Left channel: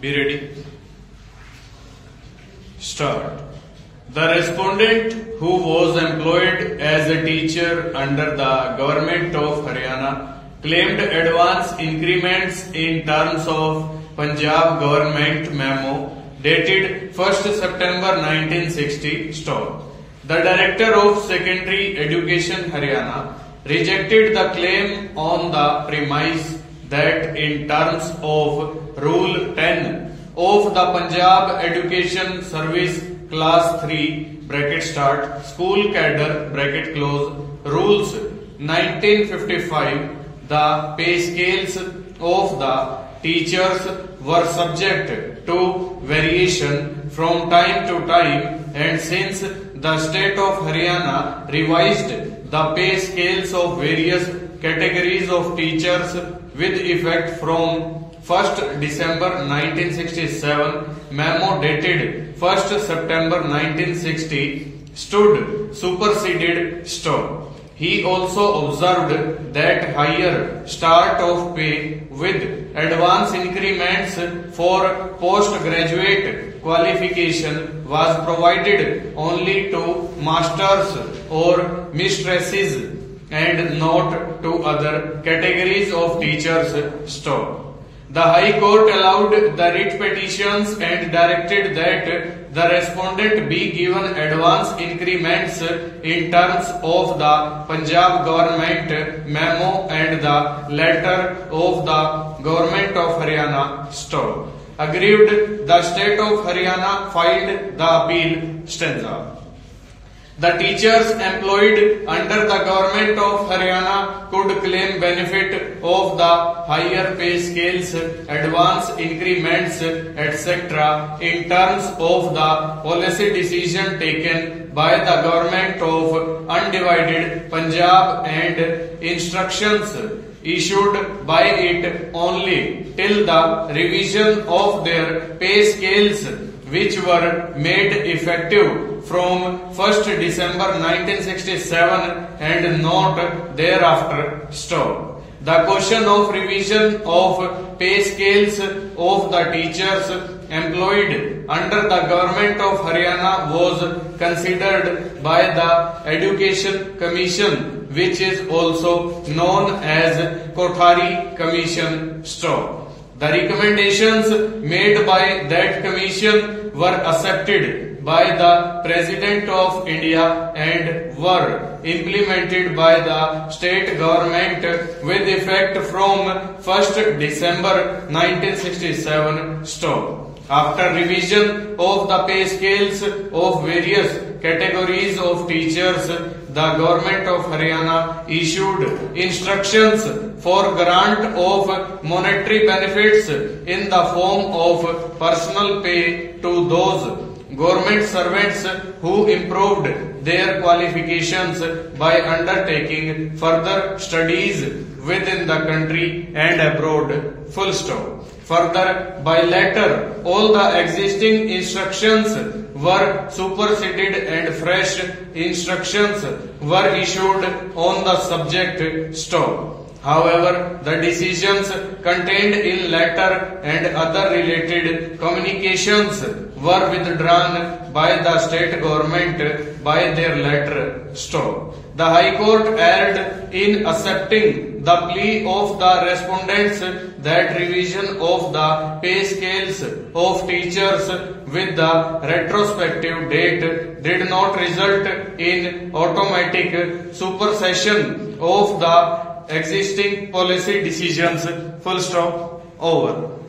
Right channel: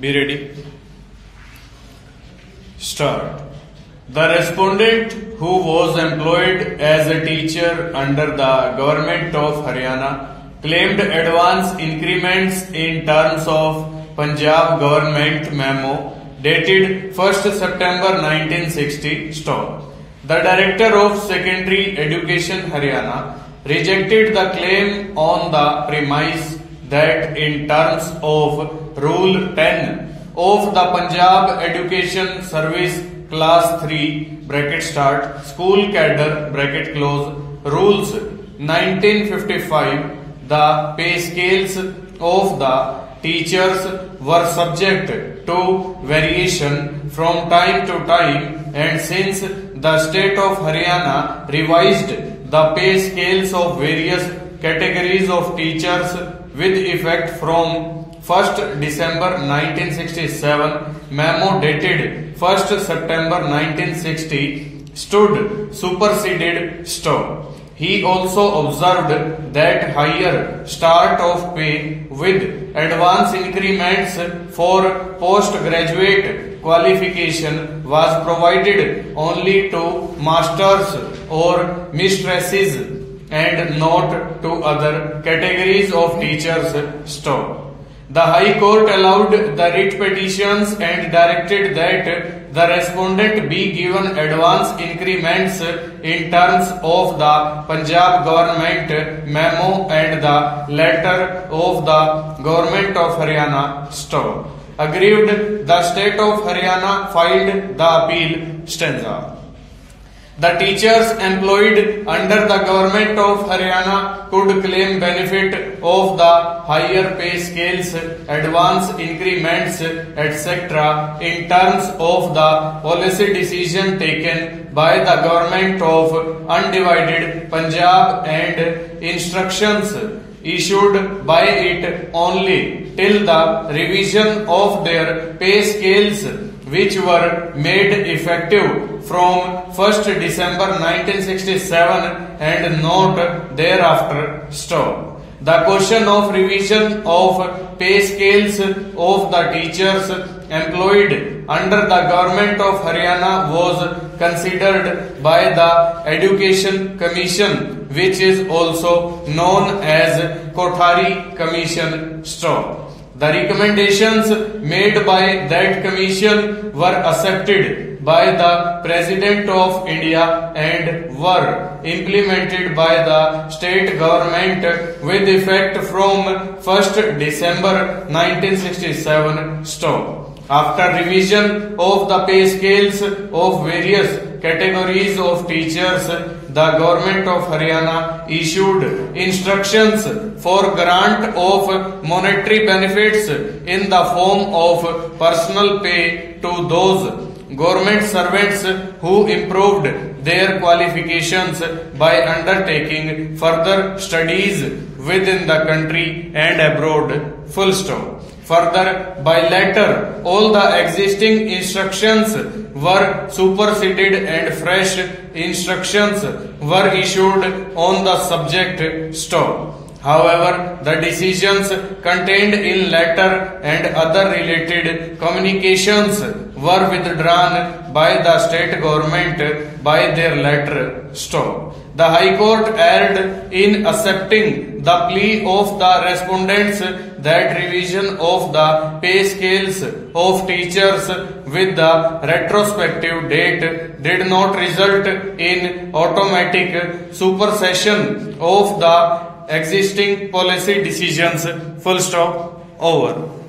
Be ready. Start. The respondent who was employed as a teacher under the government of Haryana claimed advance increments in terms of Punjab government memo dated 1st September 1960. Stop. The Director of Secondary Education Haryana rejected the claim on the premise that in terms of Rule 10 of the Punjab Education Service Class 3 bracket start school cadre bracket close rules 1955 the pay scales of the teachers were subject to variation from time to time, and since the state of Haryana revised the pay scales of various categories of teachers with effect from 1st December 1967, memo dated 1st September 1960 stood superseded. Stop. He also observed that higher start of pay with advance increments for postgraduate qualification was provided only to masters or mistresses and not to other categories of teachers. Stop. The High Court allowed the writ petitions and directed that the respondent be given advance increments in terms of the Punjab government memo and the letter of the government of Haryana. Stop. Aggrieved, the state of Haryana filed the appeal. Stanza. The teachers employed under the government of Haryana could claim benefit of the higher pay scales, advance increments, etc. in terms of the policy decision taken by the government of undivided Punjab and instructions issued by it only till the revision of their pay scales, which were made effective from 1st December 1967 and not thereafter. Stop. The question of revision of pay scales of the teachers employed under the government of Haryana was considered by the Education Commission, which is also known as Kothari Commission. Stop. The recommendations made by that commission were accepted by the President of India and were implemented by the state government with effect from 1st December 1967. Stop. After revision of the pay scales of various categories of teachers, the government of Haryana issued instructions for grant of monetary benefits in the form of personal pay to those government servants who improved their qualifications by undertaking further studies within the country and abroad. Full stop. Further, by letter, all the existing instructions were superseded and fresh instructions were issued on the subject. Stop. However, the decisions contained in letter and other related communications were withdrawn by the state government by their letter. Stop. The High Court erred in accepting the plea of the respondents that revision of the pay scales of teachers with the retrospective date did not result in automatic supersession of the existing policy decisions. Full stop. Over.